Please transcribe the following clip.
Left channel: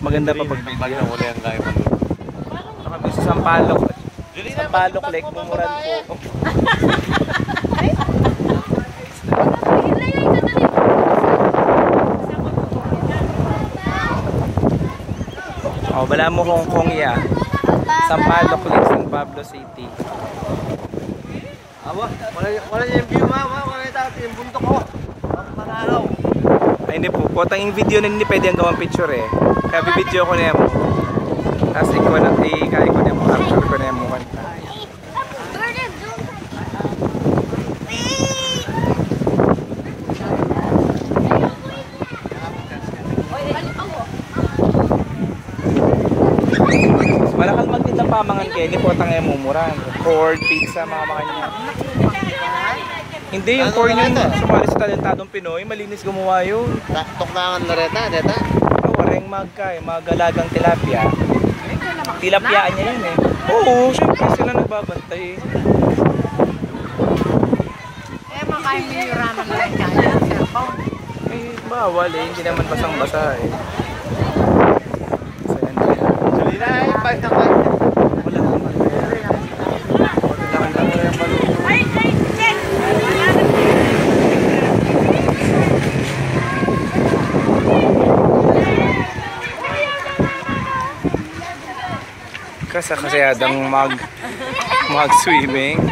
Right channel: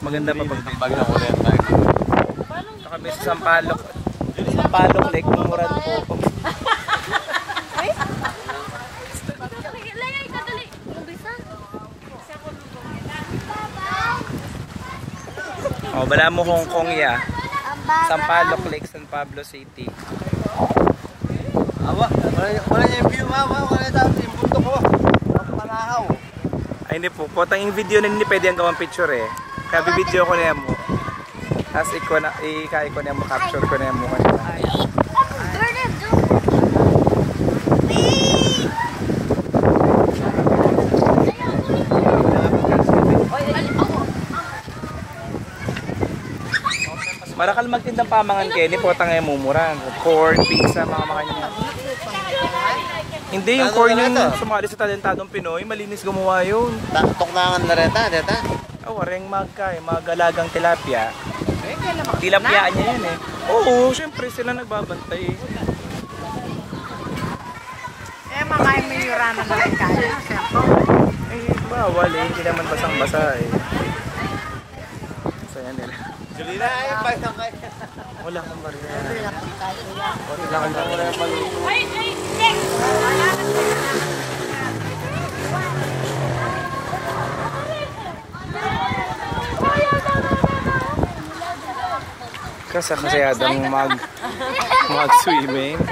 maganda pa pag nakabi sa Sampaloc. Sampaloc Lake, Mumuran po. Oh, bala mo Hong Kong ya. Sampaloc Lake, San Pablo City. Wala yung view, mama. Wala yung bundok ko. Manahaw. Ay hindi po, potang yung video na hindi pwede ang gawang picture eh. Kaya bibidyo ko na mo. Tapos ikaw na, kaya ko na mo, capture ko na mo kanina. Marakal magtindang pamangan kayo, hindi potang yung mumuran. Corn, pizza, mga makanya. Hindi, yung corn yung sumali sa talentadong Pinoy, malinis gumawa yun. Taktok na ang lareta, dito. Wareng magalagang tilapia. Tilapiaan nila yan eh. Oo, syempre sila nagbabantay eh. Makain mo yung ramen na rin kaya. Eh, bawal eh. Hindi naman basang-basa eh. So yan. Wala akong barrier. Wala akong barrier. Kasi adang mag-swimming.